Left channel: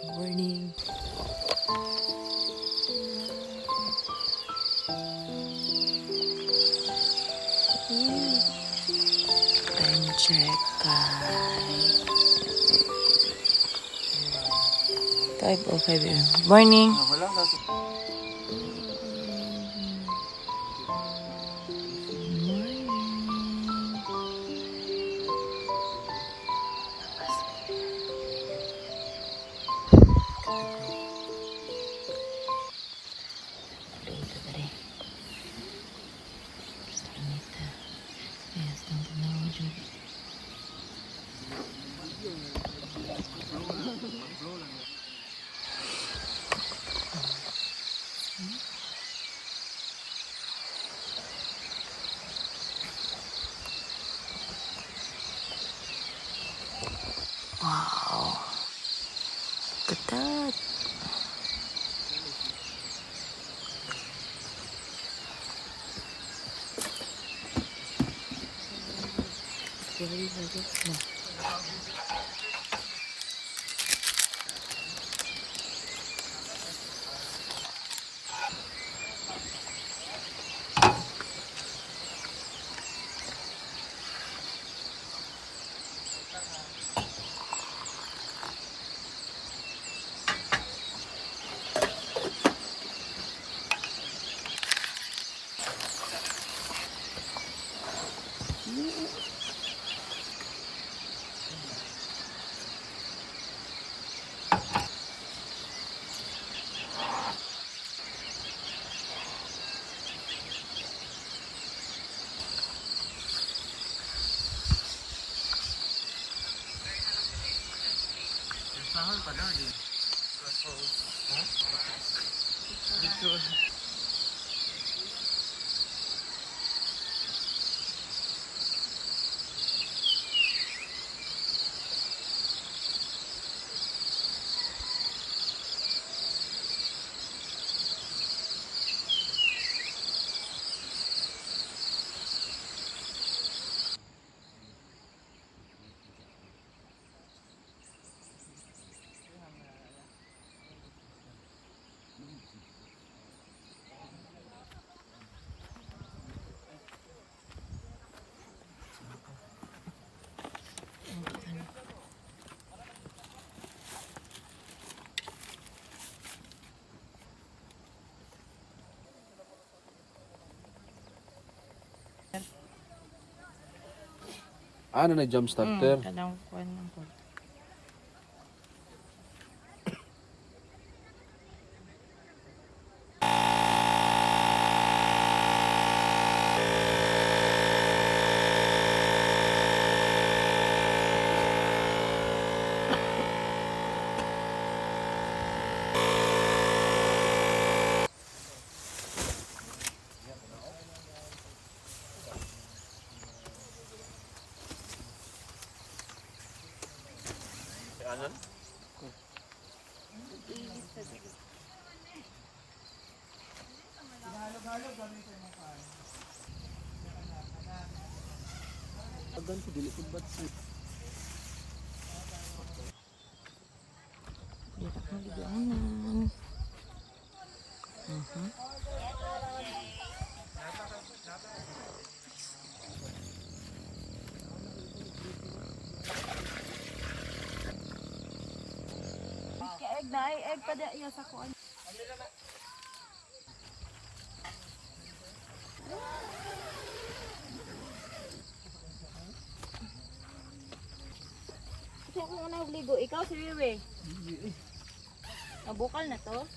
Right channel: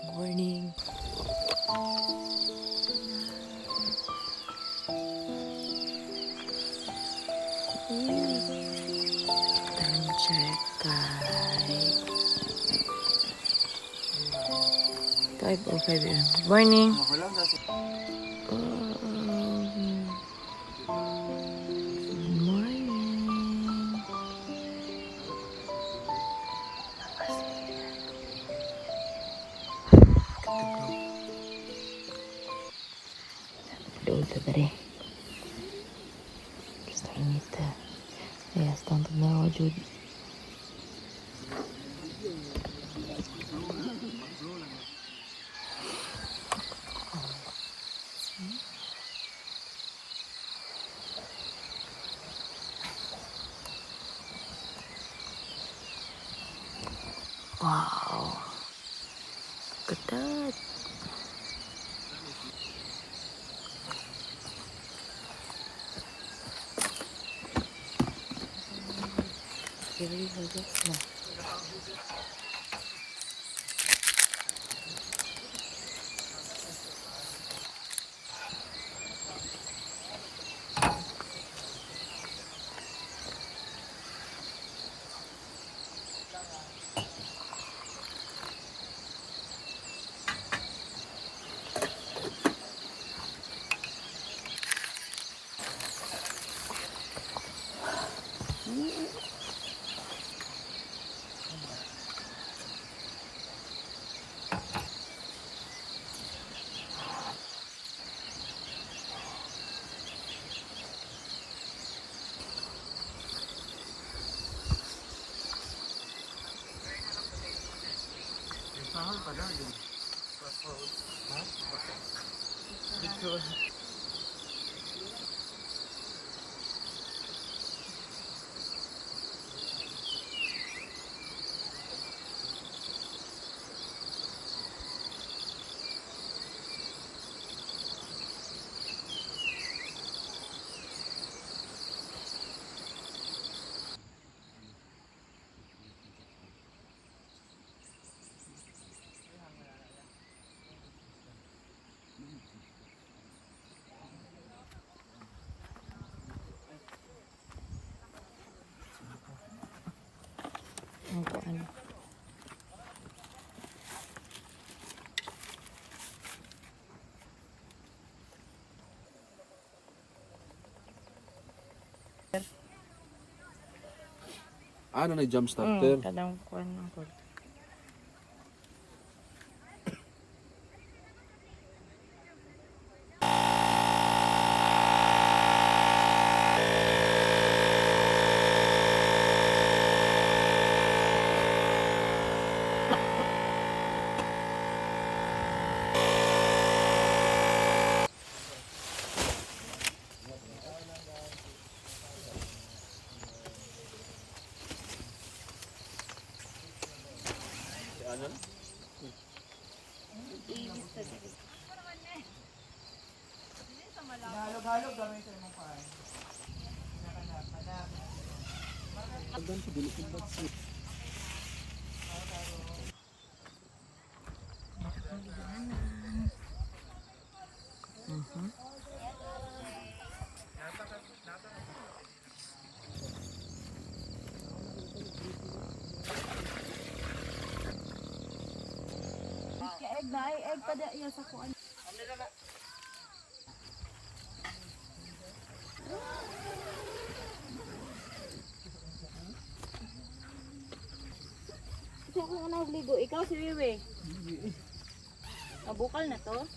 Morning. Time check, Kai. 5:05 a.m. Morning. Morning. Ito tadi. Ito. Yes, tanto na ako dito. Wow. Look at that. Really hagok na. Ano na jump starter? Kadang kuan ng cord. Halog-halog gamit sa mga paan. Agan ko dili ko bat si. Egg na ay egg pa iya sa kuan. Kasi kung nagligo, ikaw si Wiwi. Nabukal na to.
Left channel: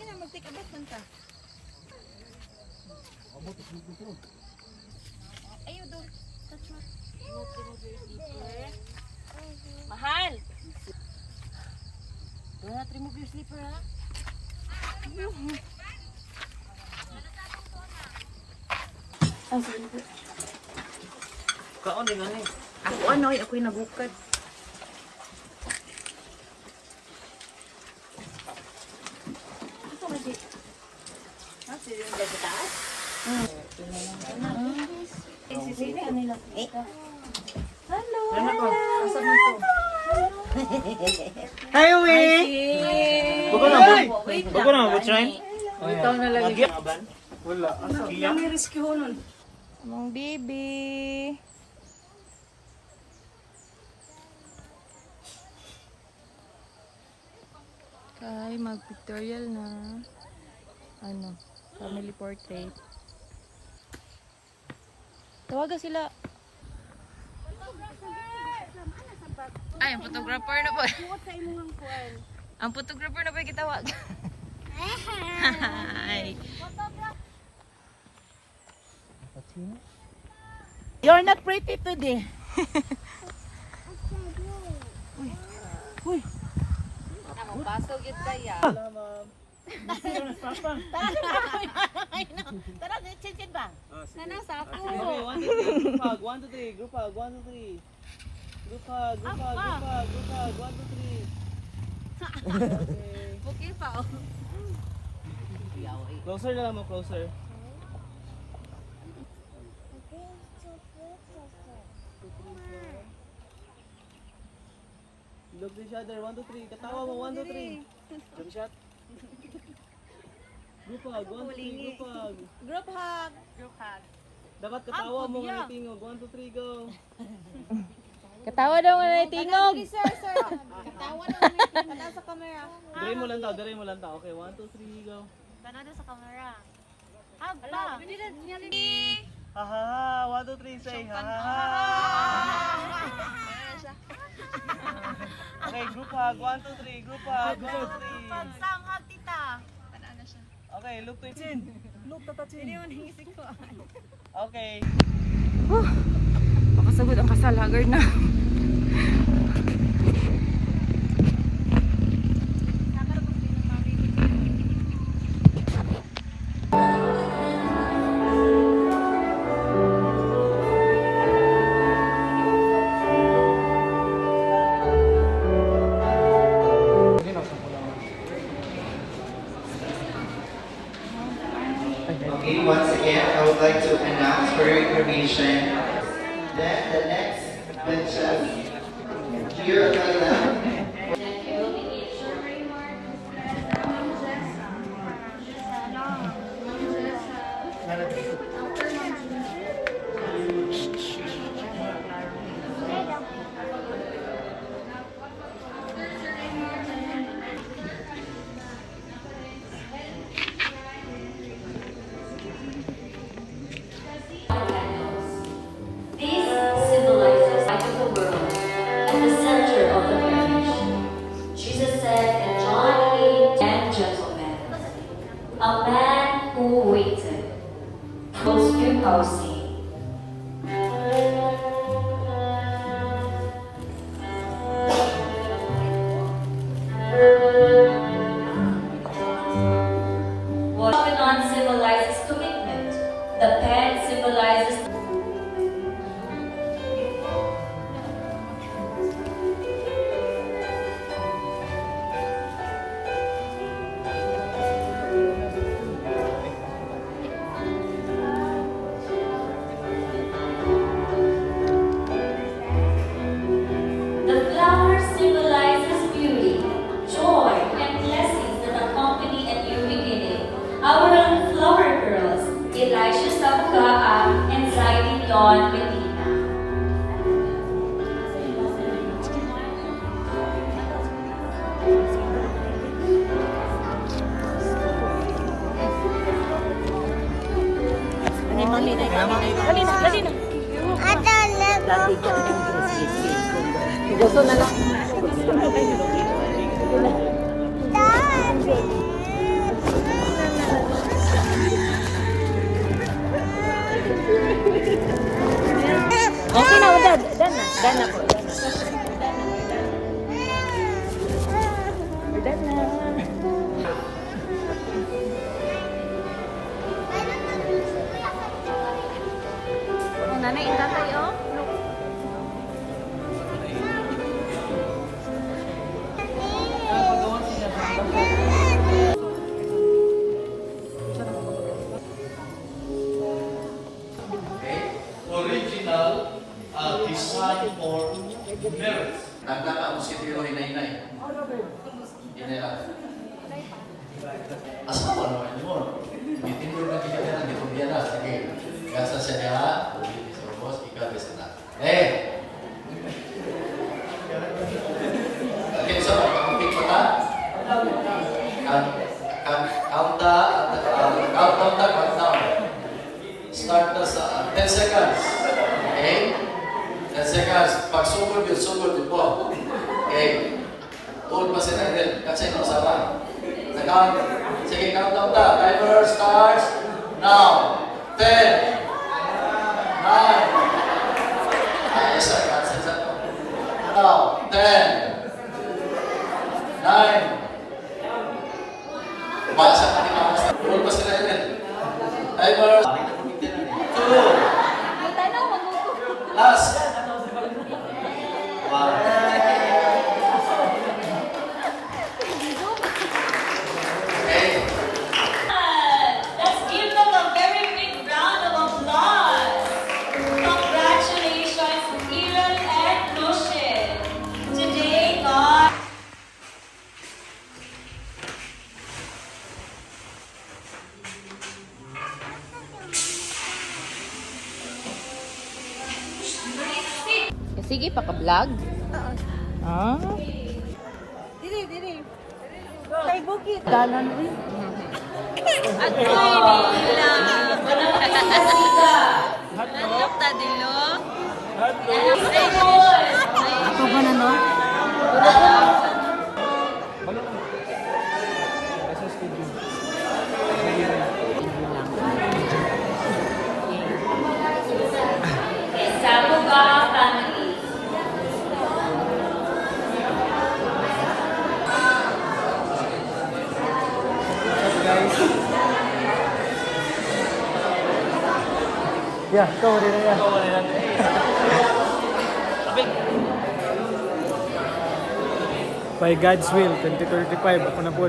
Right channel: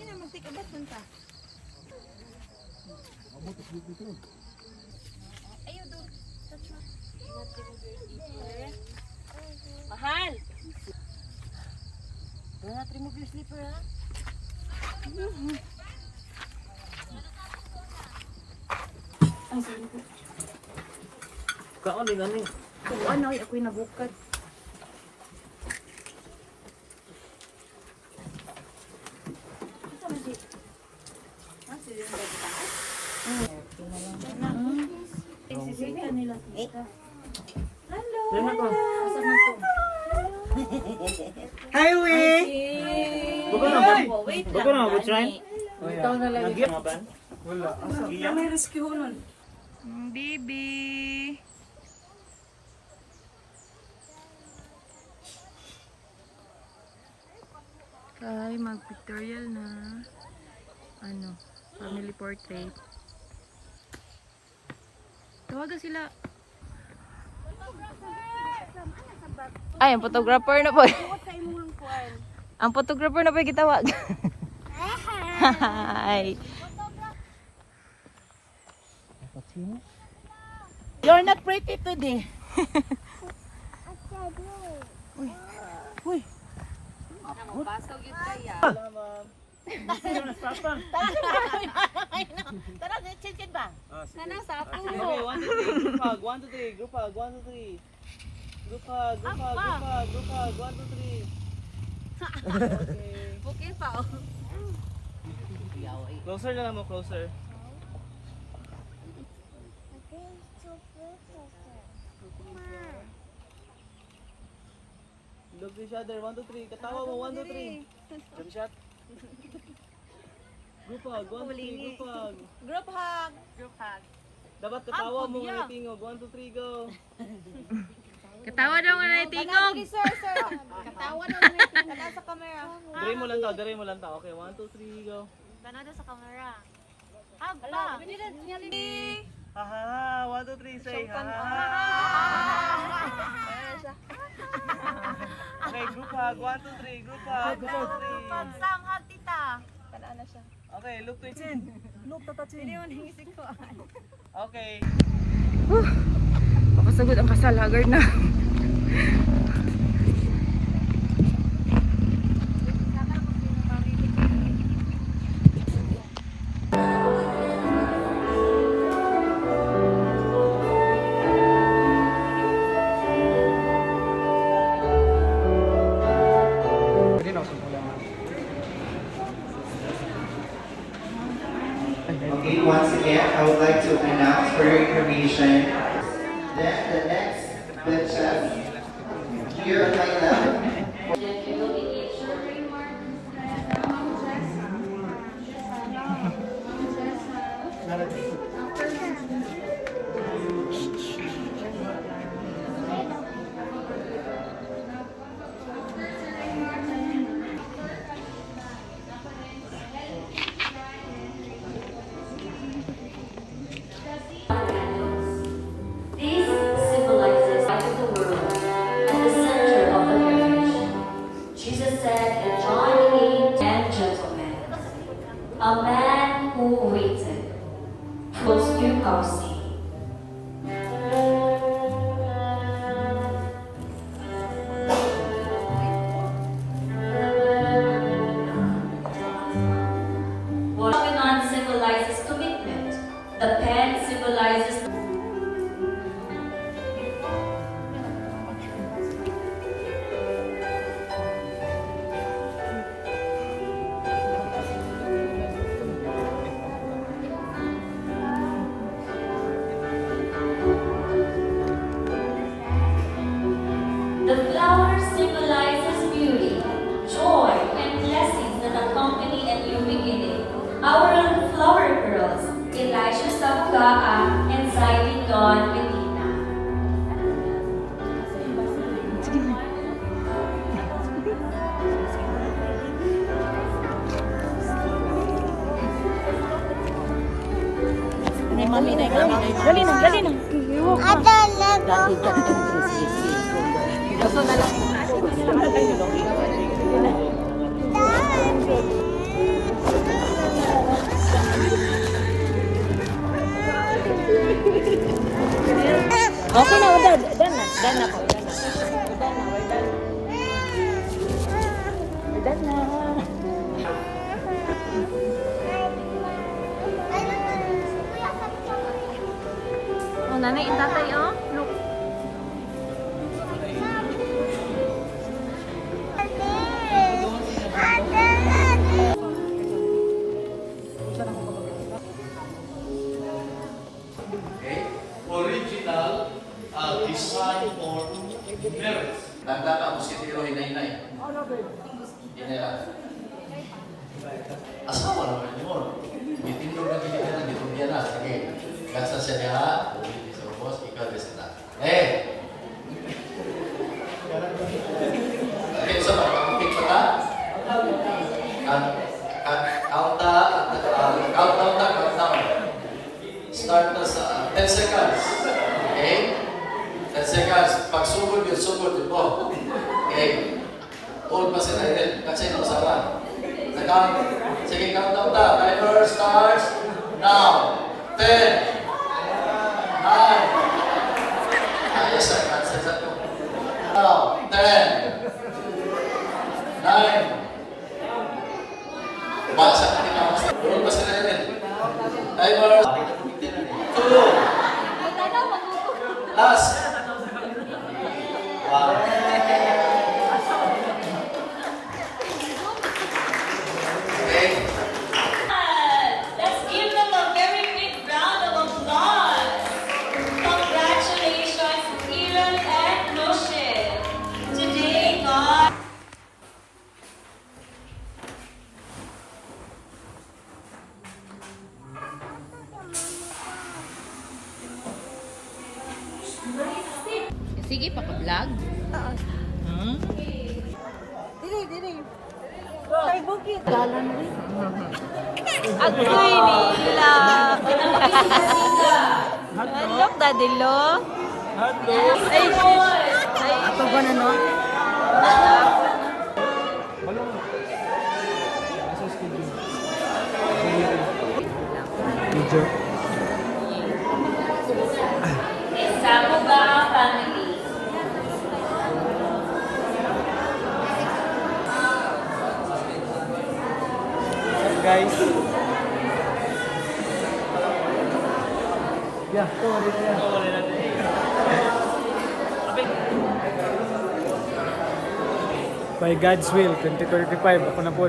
Kaya magtikabat man ta. Ayaw doon. Touch mo. Mahal! Do not remove your slipper, ha? Kaon din ani. Ano, ako'y nabukad. Hello. Yan ako. Asa man to? Hi, Uwi! Buko na, wait Bago na, what's right? Ikaw na lang. Nagyat? Wala. Asa? Iya? May rescue nun. Mong baby. Kay mag-pictorial na family portrait. Tawagan sila. Ay, ang photographer na po. Buot sa imong kuan. Ang photographer na po yung gitawag. Hi. You're not pretty today. Uy. Tara, chicken ba? Nanang sa ako. Group hug, 1, 2, 3. Group hug, 1, 2, 3. Group hug, group hug, group hug, 1, 2, 3. Okay pa. Oh. Closer na mo, closer. Look to each other, 1, 2, 3. Katawa mo, 1, 2, 3. Jump shot. Group hug, 1, 2, 3. Group hug. Group hug. Group hug. Dapat katawa mo Hug, ng tingog. 1, 2, 3, go. Katawa daw nga na tingog. Sir. Tawa na sa camera. Dire mo lang ta. Okay, 1, 2, 3, go. Tanado sa camera. Hug pa. Haha, 1, 2, 3, say ha. Okay, group hug, 1, 2, 3, group hug. Pagsang hug tita. Tanaan na siya. Okay, look to chin. Look to chin. Hindi mo nangisig ko. Okay. Makasagod ang kasal, haggard na. Okay, once again, I would like to announce for your information that the next batch here at Layla. This symbolizes light of the world and the center of the marriage. Jesus said in John 8, and gentlemen, a man who waited was Yukausi. What Lebanon symbolizes commitment. The pen symbolizes the flower symbolizes beauty, joy, and blessings that accompany a new beginning. Our own flower girls, Elisha Sabugaa and Zaidi Dawn Medina. Okay na, dan na po. Dan na. Oh, nanay, intatay, oh. Look. Original design for marriage. Nagkaka mo si Tiro hinay-hinay. Hinay lang. Asawa naman mo. Itindog na kita na dito niya na. Sige. Kasa siya niya. Ulit sa bos. Ikaw din sila. Okay, so pag-upik pa ta. Countdown. Start na sa 10 seconds. Okay? 10 seconds. Pag sugod yun po. Okay? Tuod pa sila rin. Kasi no, sawa. Sige, countdown ta. Timer starts now. 10. 9. Ayos na. Cancel sa to. Now, 10. 9. Basa ka nila. Tuod pa sila rin. Timer. 2. Last. 1. Let's give them a very big round of applause. Congratulations, Kiran and Roshan. Today, God. Sige, paka-vlog? Ah. Dili. Tay bukit. Galan rin. Agoy nila. Handok daddy lo. Ako ba na no? Samuga family. What's up, guys? Yeah, sorry na yan. By God's will, 2035, ako na po.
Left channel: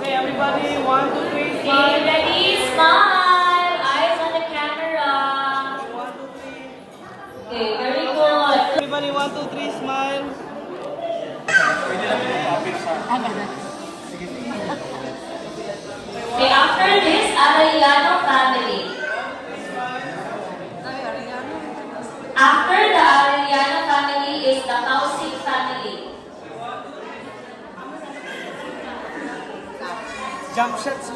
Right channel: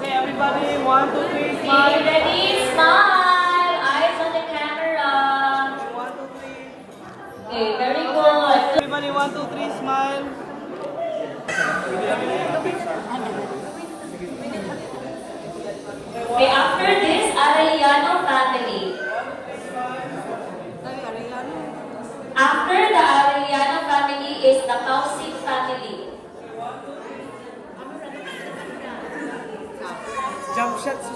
Okay, everybody, 1, 2, 3, Okay, smile. ready? Smile. Eyes on the camera. 1, 2, 3. Okay, very good. Everybody, 1, 2, 3, smile. Okay, after this, Arellano family. After the Arellano family is the Kausik family. Jump shots.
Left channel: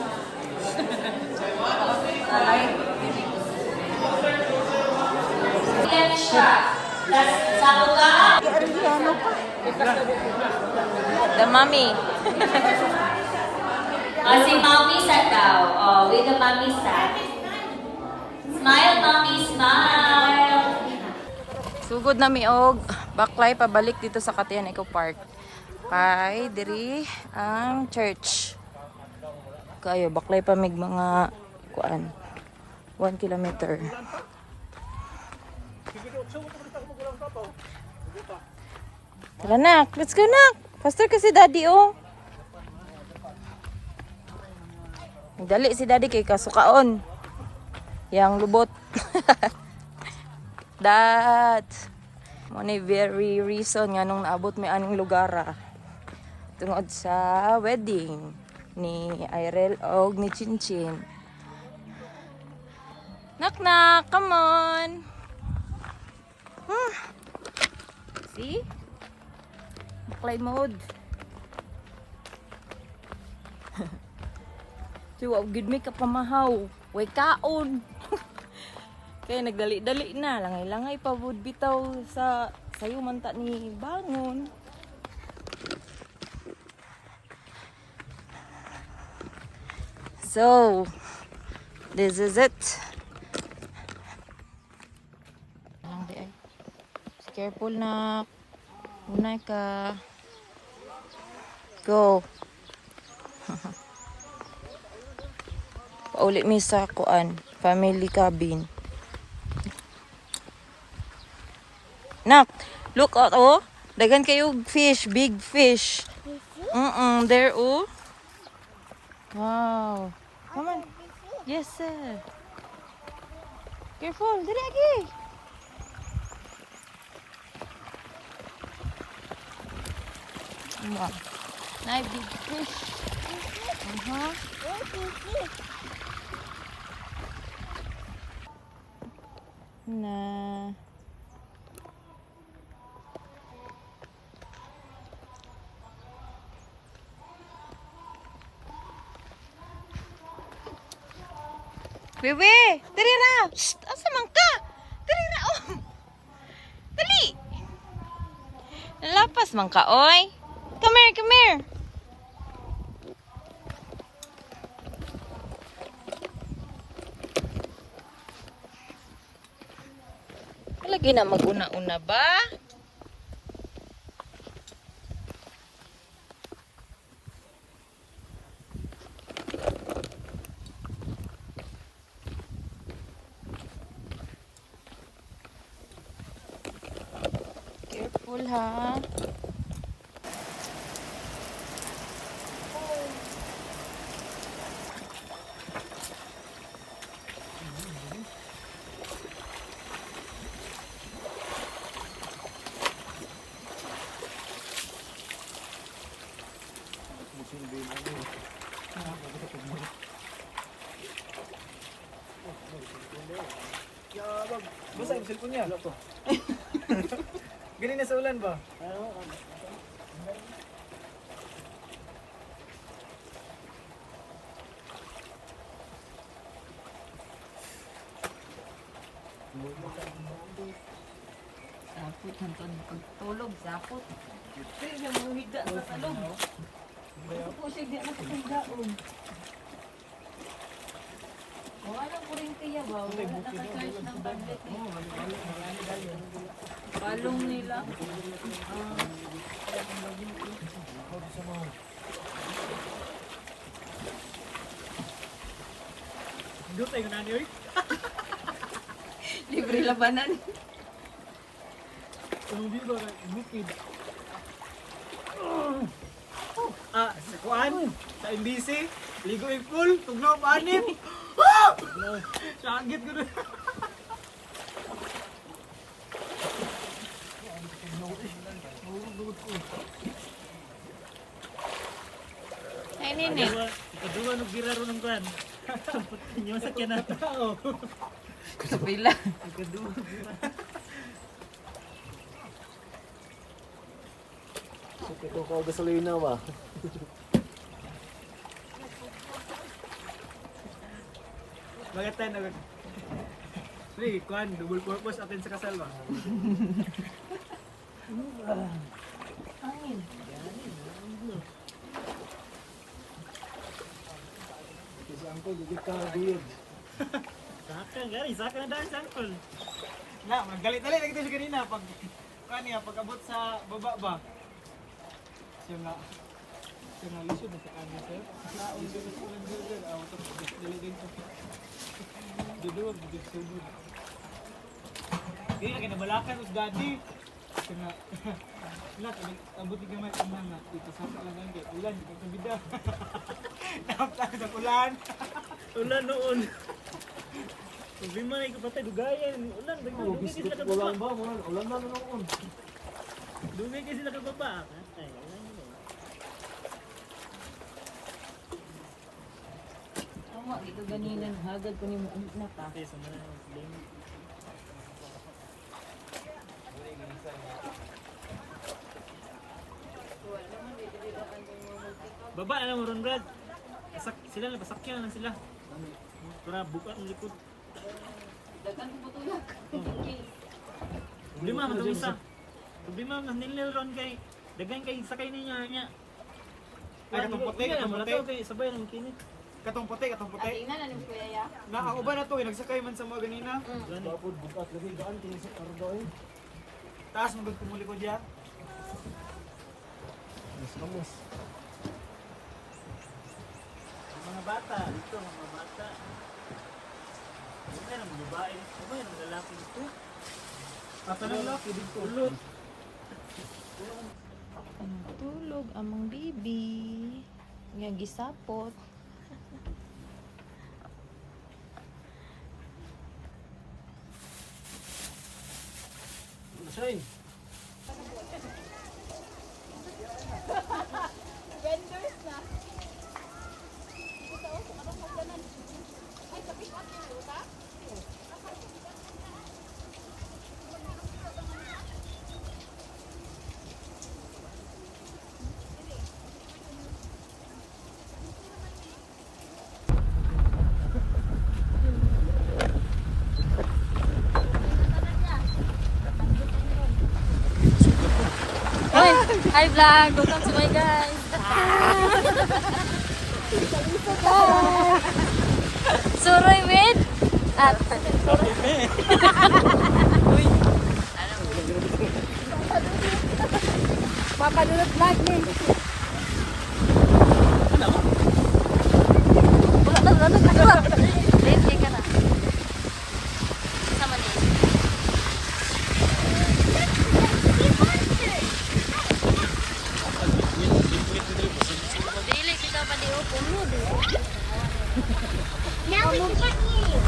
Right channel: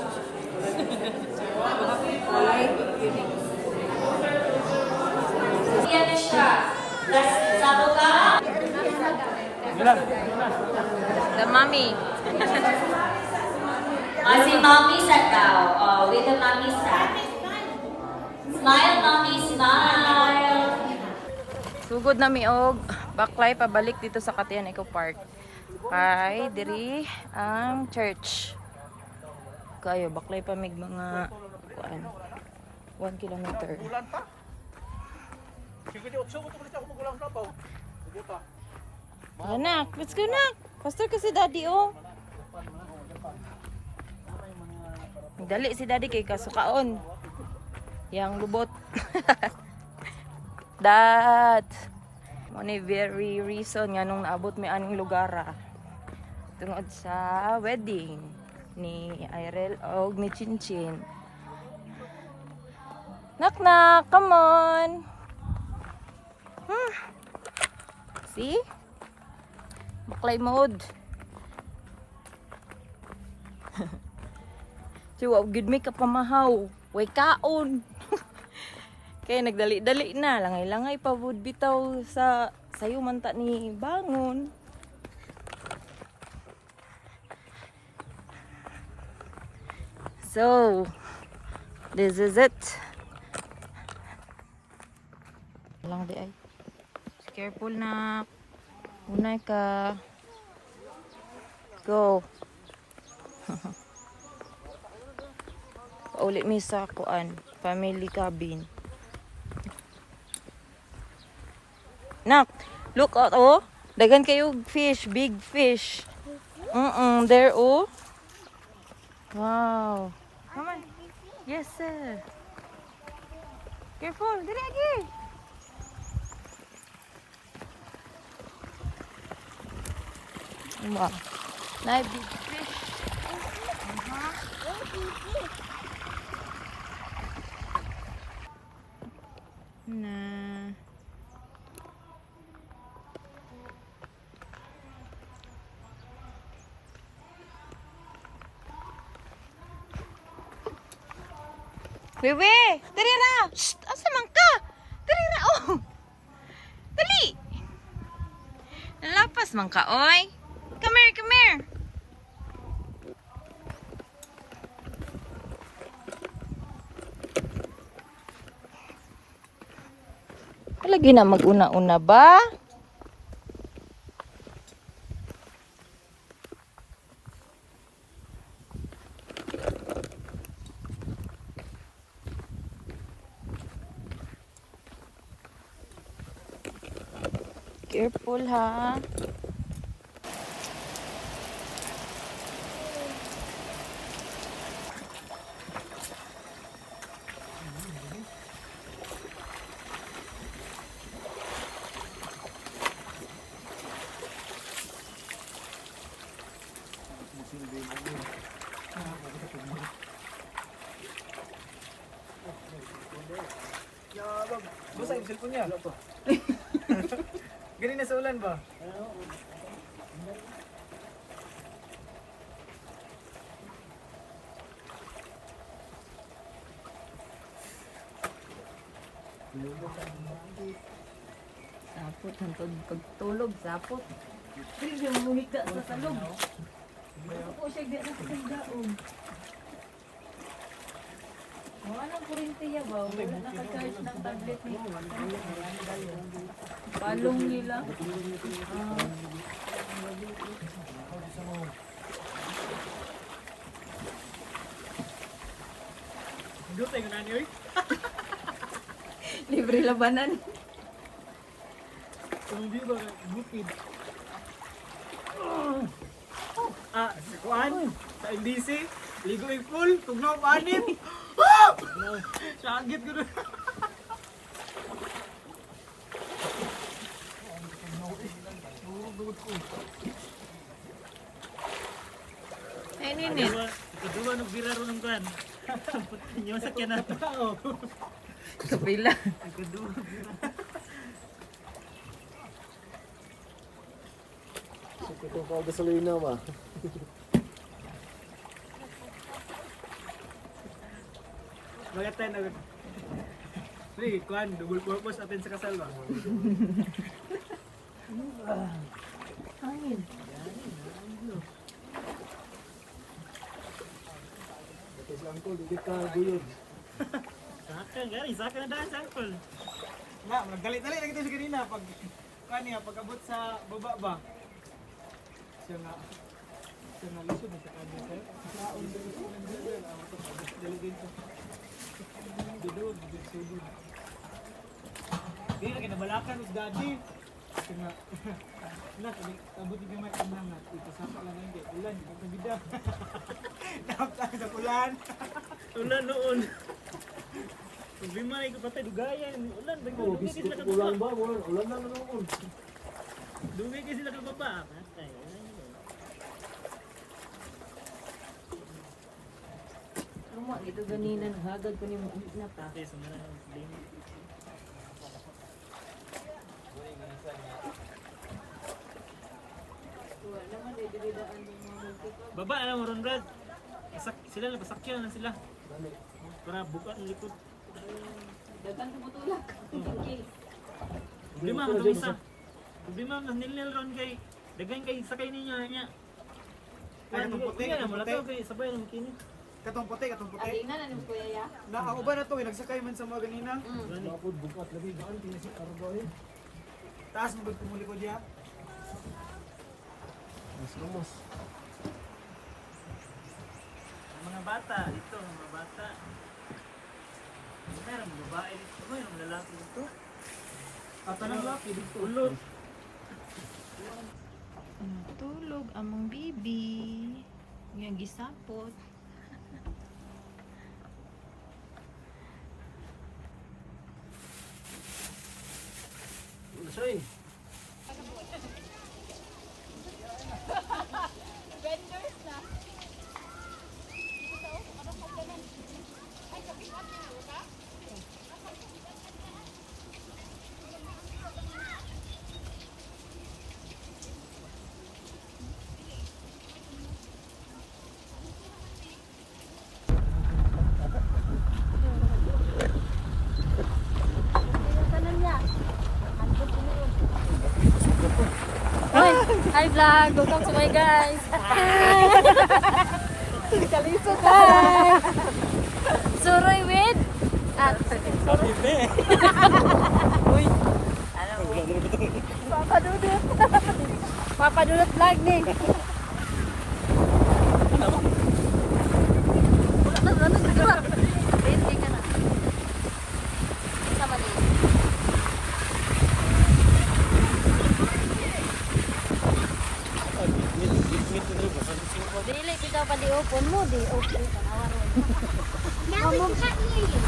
Yan siya. That's Samuga. The mommy. Si mommy sa daw. Oh, with the mommy sa. Smile, mommy, smile. Sugod na miog. Baklay pabalik dito sa Katian Eco Park. Kay diri ang church. Kayo baklay pa mig mga kuan. 1 kilometer. Tara nak, let's go nak. Faster kasi daddy oh. Dali si daddy kay kasukaon. Yang lubot. That. Mo ni very reason nga nung naabot mi aning lugar tungod sa wedding ni Irel og ni Chinchin. Knock knock, come on. See? Baklay mode. Siwa, gid mi ka pamahaw. Way kaon. Kaya nagdali-dali na. Langay-langay pa would bitaw sa sayo man ta ni bangon. So, this is it. Lang di ay. Careful na. Unay ka. Go. Paulit mi sa kuan. Family cabin. Nak, look out oh. Dagan kayo fish, big fish. There oh. Wow. Come on. Yes sir. Careful, dili agi. Wow. Na big fish. Aha. Na. Bebe, dali ra. Shh, asa man ka? Dali ra oh. Dali. Nalapas man ka, oy. Come here, come here. Lagi na mag-una-una ba? Careful ha. Basta yung cellphone niya. Ganun na sa ulan ba? Sapot ng pagtulog, sapot. Pero siya mamuhiga sa salong. Ako siya di na sa daong. Walang kurintiya ba? Wala naka-charge ng tablet mo. Balong nila. Dutay ko na niyo. Libre labanan. Hindi ba bukid? Sa kuan, sa MBC, ligo yung pool, tugnaw panit. Sagit ko doon. Ay, nini. Kedua nagbira ron ng kuan. Inyo sakyan na tao. Kapila. Kedua. Ito ko gasolina ba? Bakit tayo nag... Sige, kuan, double purpose atin sa kasal ba? Hangin. Kasi angkol, hindi ka guyod. Saka, gari, saka na dahil sa angkol. Na, magalit-galit lagi tayo sa kanina pag... Kuan niya, pag abot sa baba ba? Siya nga lisod na sa kanya, sir. Naon dito sa kanya, sir. Out of delegate. Dudog, sudod. Hindi, lagi nabalakan, us daddy. Siya nga, nak, abot yung gamay ang mga. Ito, saka lang ngayon. Ulan, ito sa bida. Nakaptaan sa ulan. Ulan noon. Problema na ikapatay, dugayan. Ulan, dugay kasi sila kababa. Ulan ba? Ulan na noon. Dugay kasi sila kababa. Katay, ulan yun. Tama, ito ganina. Hagad ko ni mo mata. Okay, sumala na ang sling. Baba na mo ron, Brad. Sila na, pasakyan na sila. Para buka ng likod. Dagan ko butulak. Problema man itong isa. Problema man nilil ron kay dagan kay sakay ninyo niya. Ay, katong puti, katong puti. Kay sabay ng kinit. Katong puti. Alingan ano kuya ya? Na ang uban na to, nagsakay man sa mga ganina. Bapod bukas lagi daan kini sa kargo eh. Taas mo gud kumuli ko diya. Mas lamos. Mga bata, dito mga bata. Ano yung babae dito? Ano yung lalaki dito? Tatanong lalaki dito. Ulot. Tulog among bibi. Nga gisapot. Ano siya eh? Hi vlog! Welcome to my guys! Suroy with at Papadulot vlog ni! Ready ka na. Sama din. Dili, pitaw pa di opo mo. Now we can't hear you.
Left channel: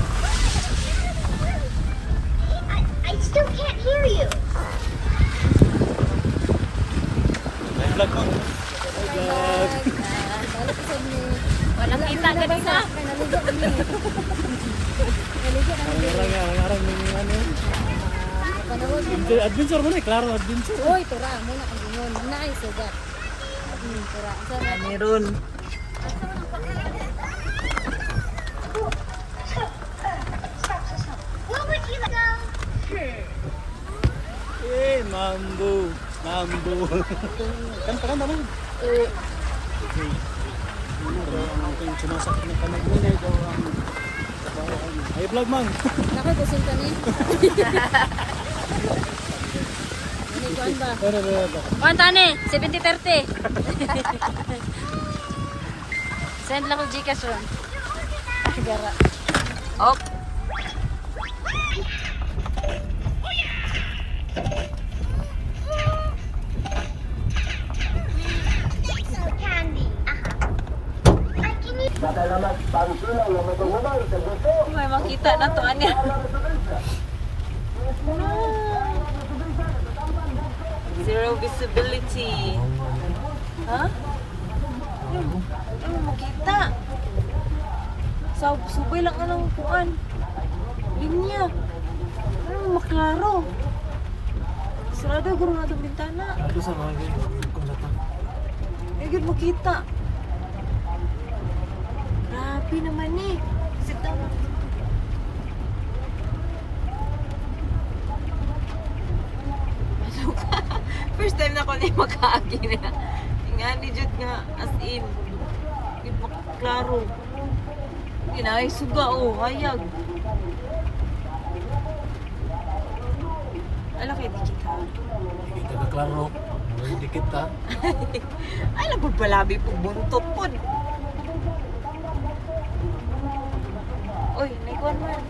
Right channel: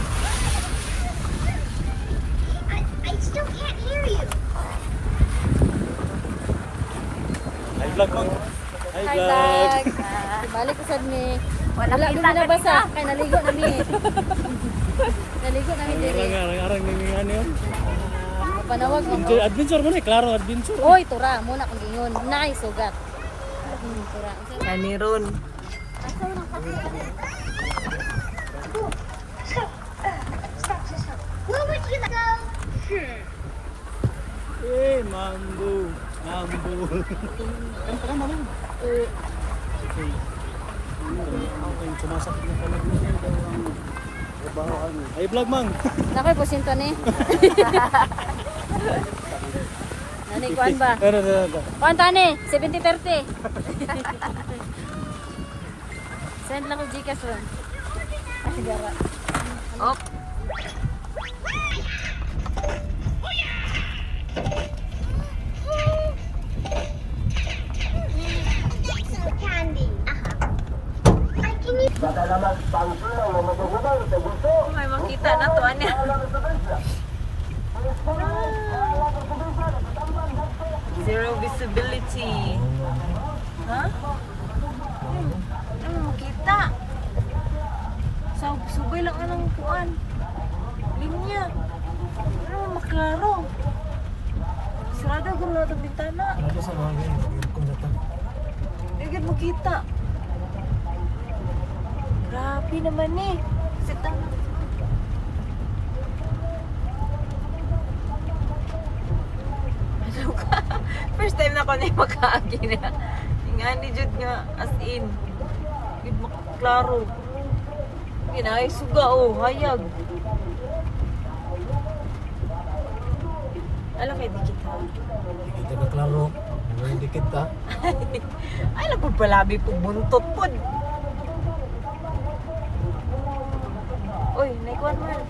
I still can't hear you. Hi vlog mo. Hi vlog! Balik ko sad ni. Wala kita na basa. Kaya naligo nami. Naligo nami dili. Arang-arang may ano yun. Panawag mo. Adventure mo na, klaro adventure. Hoy, tura. Muna kang gingon. Nay, sugat. Tura. Kaniron. Where would you go? Eh, mambo. Kanta ka naman. Okay. Ito yung sumasakit na kamay mo. Ay, vlog mang. Nakoy po sinto ni. Nani kuan ba? Pero. Kuan tani, 70-30. Send lang ko Gcash ron. Ay, gara. Op. So candy. Can you May makita na to anya. Zero visibility. Ha? Ano makita? Subay lang ang kuan. Linya. Ano maklaro? Sarado guro na itong bintana. Agad makita. Grabe naman eh. Sit down. Ano ka? First time na ko na yung makaagi na. Nga ni Jud nga as in. Gid maklaro. Ginay suga oh, hayag. Ala kay di kita. Dito na klaro. Hindi kita. Ay lang pud palabi pud buntot pud. Uy, naikuan man.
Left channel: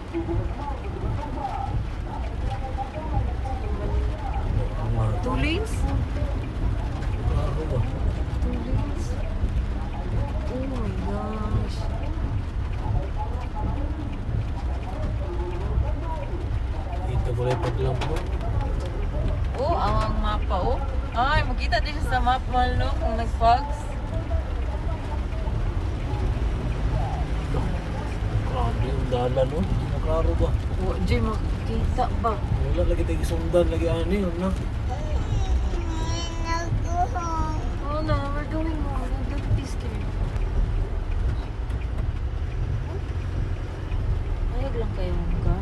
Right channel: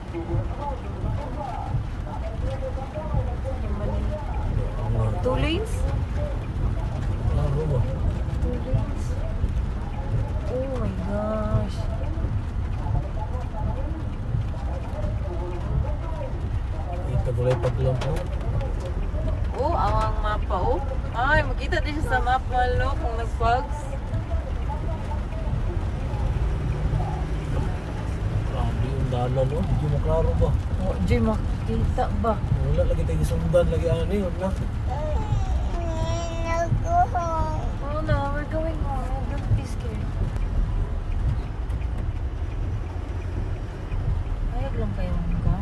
Two lanes? Two lanes? Oh my gosh. Dito ko lang paglang po. Oh, ang mapa oh. Ay, makita din siya sa map malo kung nag-fogs. Grabe ang dalan mo. Dito na klaro ba? Oh, Jay, makita ba? Wala lagi tayo sundan. Lagi ano yun na. go home? Oh no, we're going home. Don't be scared. Ayag lang kayo ka.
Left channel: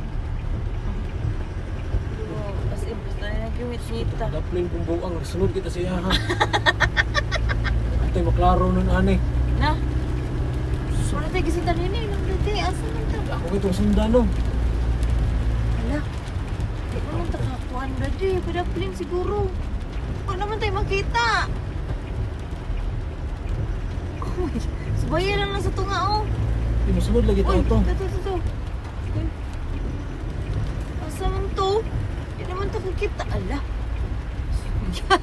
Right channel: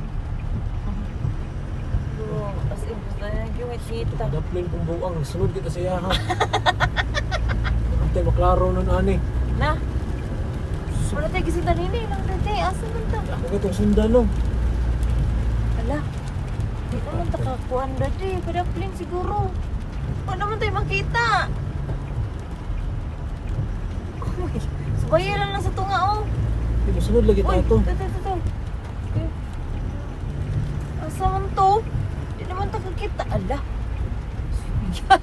As in, basta na nag-yung chita. Daplin kong buang. Sunod kita sa yahan. Ito maklaro nun ani. Na? Wala tayo gisita nini lang dati. Asa man ta? Ako kitong sundan no. Ala, di naman takakuan dati. Padapling siguro. Wala naman tayo makita. Oh my, subayan lang sa tunga oh. Hindi sunod lagi Uy, tayo. ito. Okay. Asa man to? Di naman to kakita. Ala. Yan.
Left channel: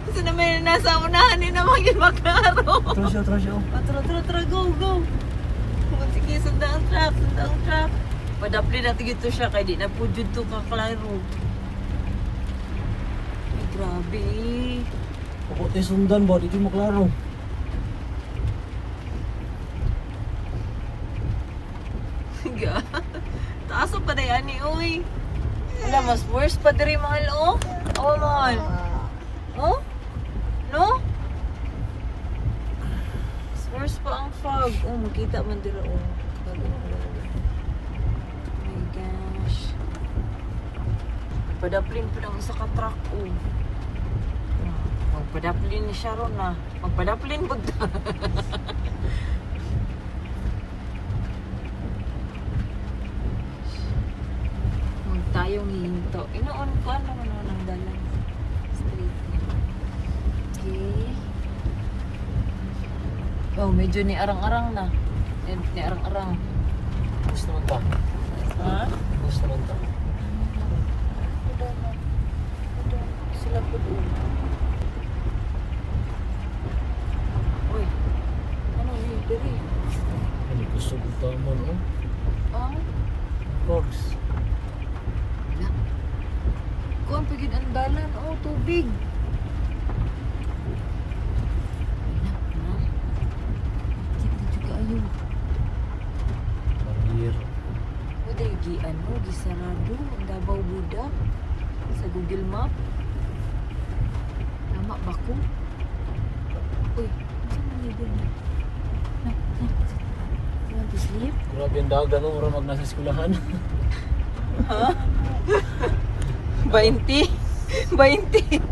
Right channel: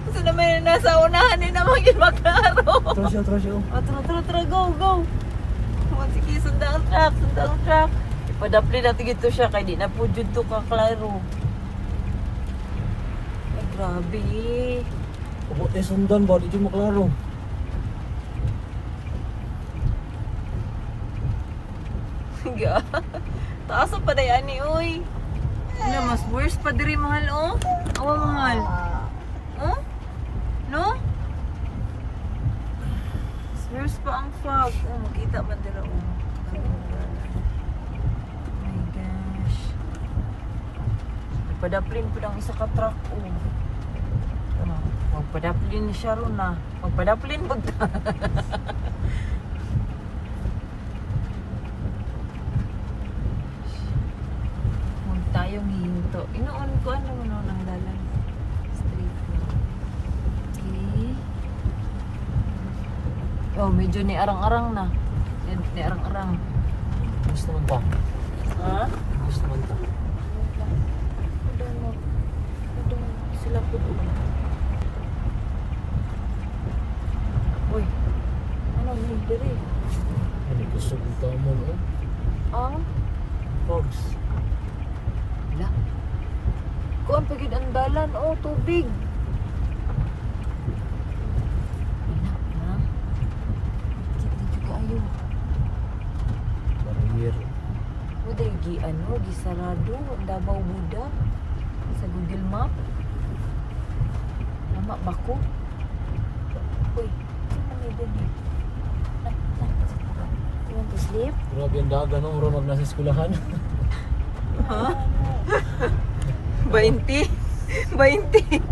Kasi naman nasa unahan ni naman yung maklaro. Tara siya. Tara, go. Sige, sundang truck. Ipadapli natin ito siya, kaya di na po dyan to kaklaro. Ay, grabe. Ako tayo sundan ba? Dito maklaro. Higa. Taas pa na yan eh, uy. Wala, mas worse pa diri mahal, oh. Awa mahal. Oh? No? Mas worse pa ang fog. Oh, makita man dira, oh. Bago makalala. Oh my gosh. Padaplin pa ng isa ka truck, oh. Magpadaplin ni Sharon na. Magpadaplin pag Huwag tayong hihinto. Inoon ko ano naman ang dalan. Straight na. Okay. Oh, medyo ni arang-arang na. Ni arang-arang. Gusto naman ta. Ha? Gusto naman ta. Sila po doon. Uy. Ano ni diri? Ano gusto ko ka mo, no? Ah? Dogs. Wala. Kuan pagid ang dalan. Oh, tubig. Wala, ha? Dito kayo. Here. O dahil gisarado. Ang Davao Buda. Sa Google Map. Lama ba ko? Uy, saan man yun doon? You want to sleep? Grabe ang dagan, no? Marang nasa eskulahan. Ha? 20? 20?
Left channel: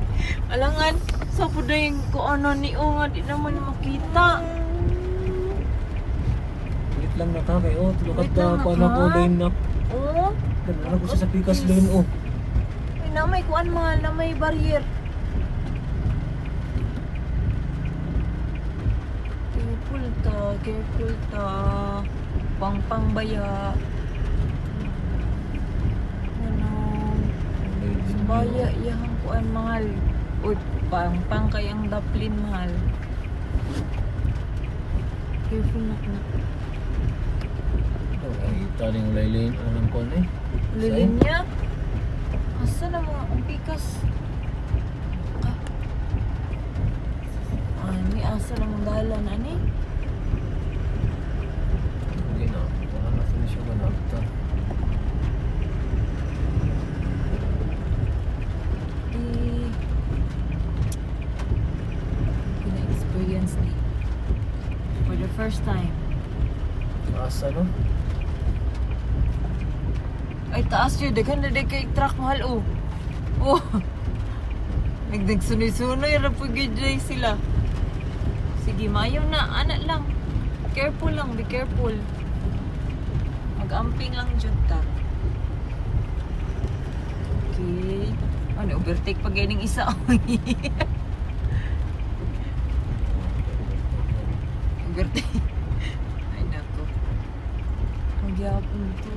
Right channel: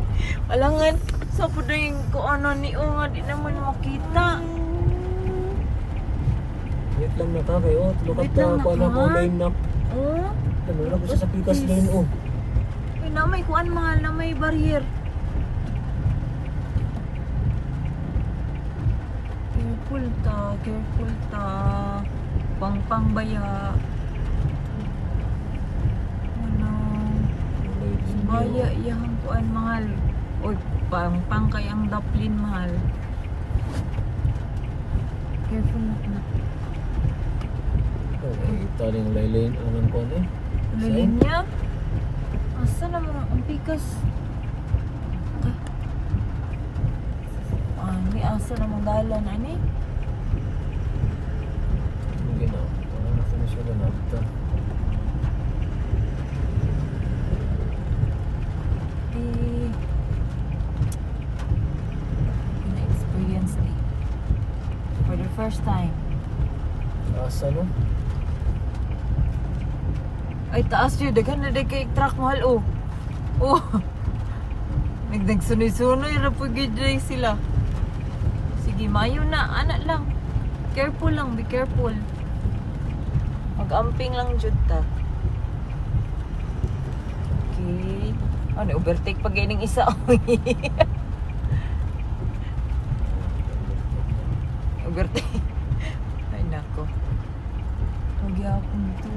Alangan, sa po na yung kung ano ni O nga, di naman makita. Wait lang na ta, kayo. Tulukad Wait ta, lang na, kung ano ko ha? line na. Oh? Wala ko siya sa pikas line, oh. Ay, namay kuan mahal, namay barrier. Careful ta. Pang baya. Ano? Baya, iyang kuan mahal. Uy, pang kayang daplin mahal. Careful na. Taling laylayin, ano po na eh. Lilim niya. Asa na mga ang pikas? Ani, asa na mga galan, ani? Hindi na, parang nasa na siya kumagta. Pina-experience ni. For the first time. Asa, no? Ay, taas yun. Daghan na kay truck mahal, oh. Oh. Nagsunoy-sunoy. Rapagid na sila. Sige, mayo na. Anak lang. Careful lang. Be careful. Mag-amping lang jud ta. Okay. Ano, overtake pa gaining isa. Overtake. Ay, nako. Magyapon to.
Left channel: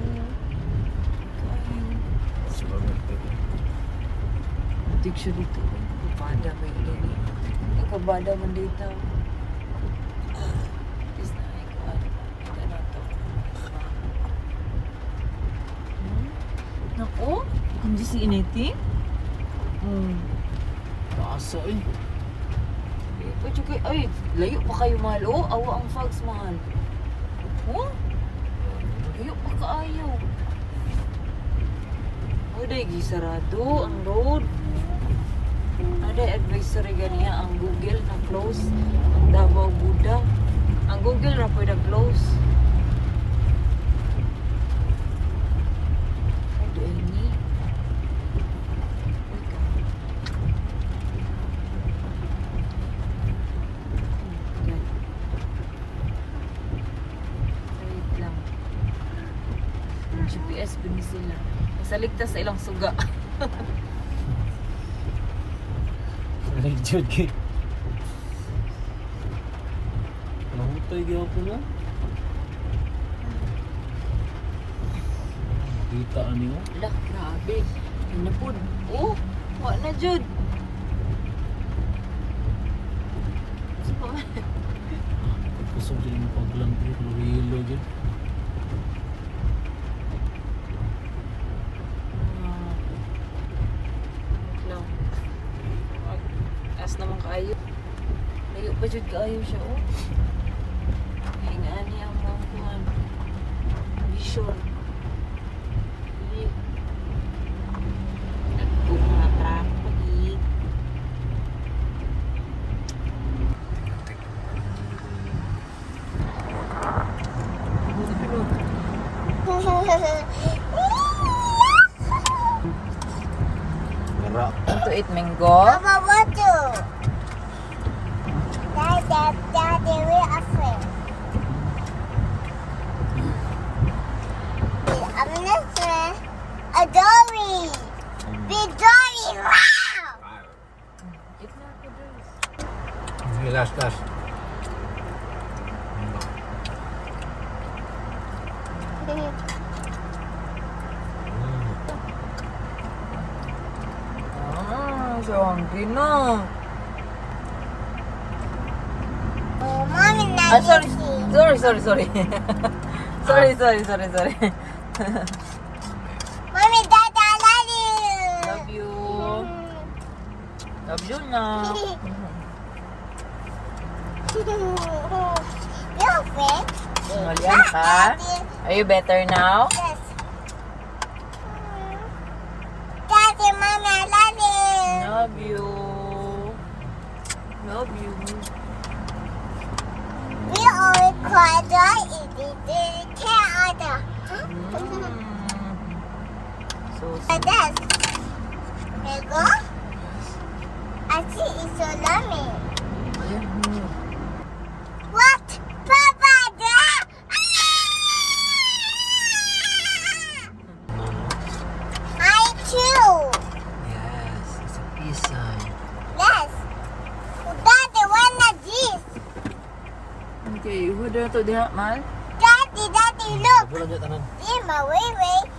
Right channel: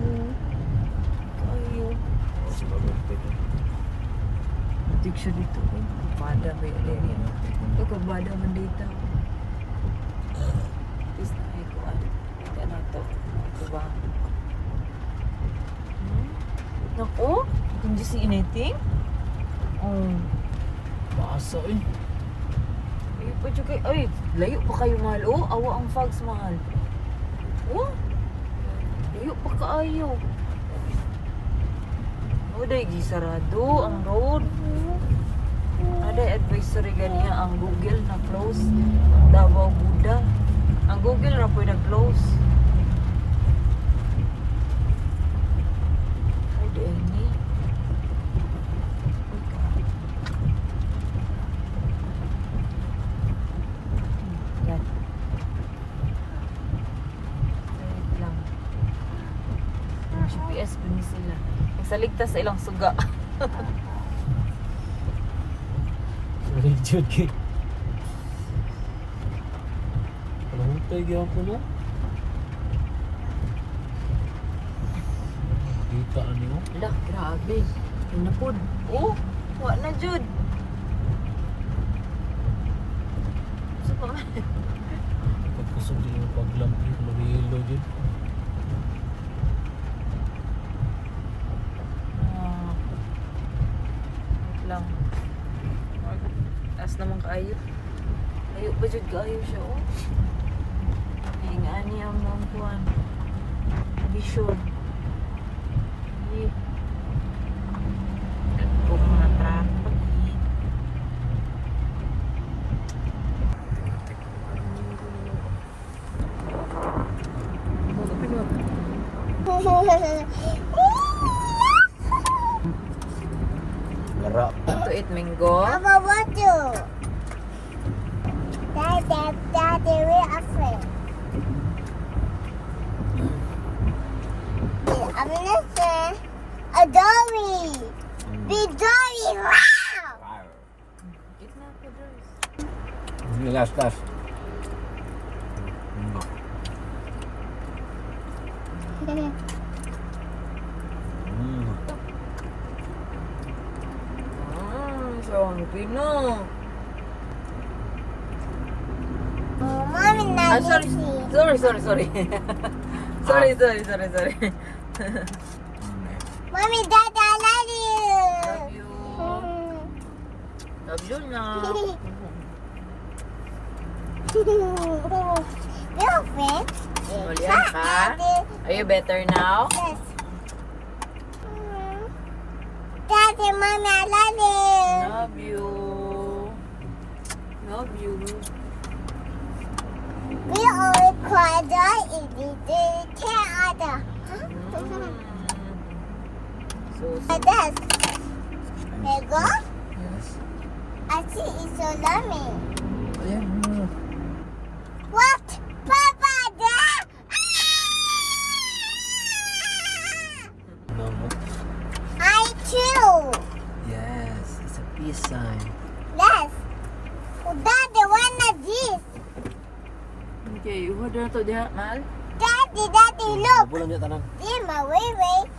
Ayo. Butik siya dito. Kabada ba yun din? Ito, kabada man dito. Please na ay kuhan. Ika na ito. Diba? Naku? Can you see anything? Oh. Asa, eh. Layo pa siya kayo. Ay, layo pa kayo mahal. Oh, awa ang fogs mahal. Oh? Layo pa kaayo. Oh, dahil gisarado ang road. Ada advisory ganiya ang Google na close. Ang Davao Buda. Ang Google na pwede close. Ay, doon ni. Yan. Wait lang. Yung GPS dun sila. Masaligtas sa ilang suga. Legit, kid. Mahutay gaya po, no? Kita niyo. Lah, grabe. Pinapod. Oh, wa na jud. So pa man. Pagkusog din yung paglampit, marihilo din. Ah. Wait lang. Taas naman kaayo. Layo pa jud kaayo siya, oh. Hingaan niya ang mga kuhan. Vision. Kung mga traffic. Wara. To eat mango. Papa, what do? Dory. Big Dory. Wow. Sige, last. So hungry na. Mommy, Ah, not sorry. Sorry. sorry. Mommy, Dad, I love you. Love you. Love you na. You're fit. Malian ka? Are you better now? Yes. Daddy, Mommy, I love you. Love you. Love you. We always cry the cat other. So, Like this. There you go. I see it's so yummy. What? Papa, there? I too. yes, it's a peace sign. Yes. Daddy, one of these. Okay, hold on to the mal. Daddy, look. Bulan niya tanan. See my way.